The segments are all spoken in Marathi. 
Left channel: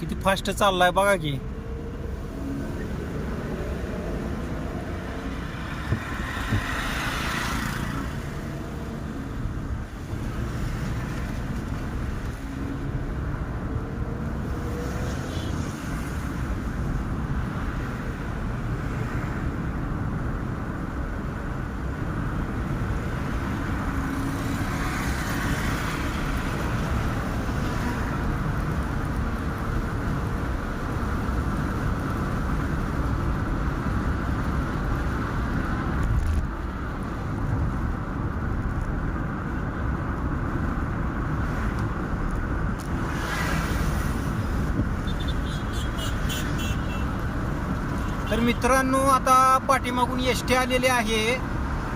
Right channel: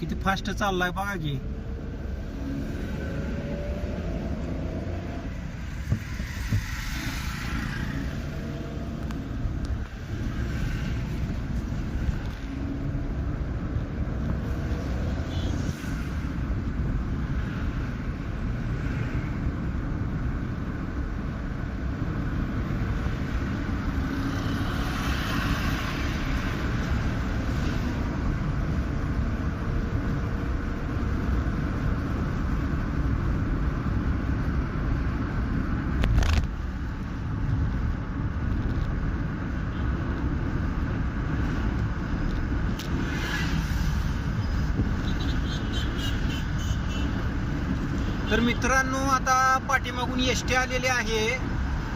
किती फास्ट चाललाय बघा की. तर मित्रांनो आता पाठीमागून एस टी आलेले आहे.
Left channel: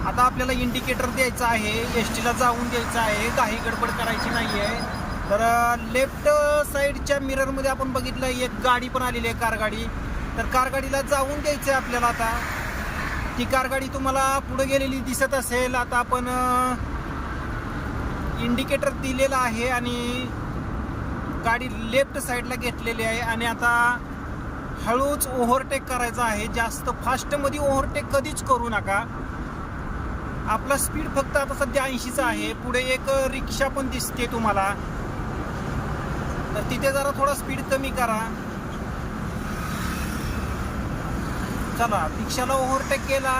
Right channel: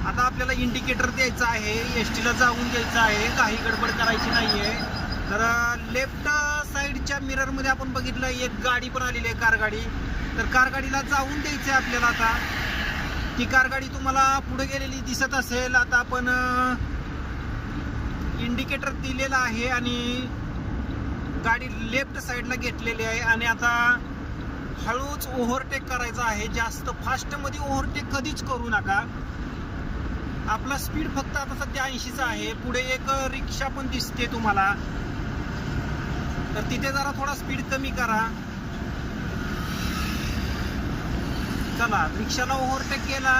आता आपल्याला इंडिकेटर द्यायचं आहे. एस टीला जाऊन द्यायचं आहे. काही गडबड करायची नाही आहे तर लेफ्ट साईडच्या मिररमध्ये आपण बघितलं एक गाडी पण आलेली आहे कार गाडी. तर कार गाडीला जाऊन द्यायचं आहे आपल्याला आता. ती कार गाडी तुम्हाला पुढे गेलेली दिसत असेल. आता आपण इंडिकेटर दिलेला आहे आणि गाडी लेफ्ट साईडला घेतलेली आहे. आणि आता हळूच ओव्हरटेक करायचा आहे. जास्त फास्टमध्ये ओव्हरटेक कधीच करू नका. आपला स्पीड फक्त आता सध्या ऐंशीचा आहे. पुढे एक रिक्षा पण दिसते तुम्हाला. तर तिथे जरा थोडा स्पीड कमी करा. चला रिक्षाला ओव्हरटेक केला.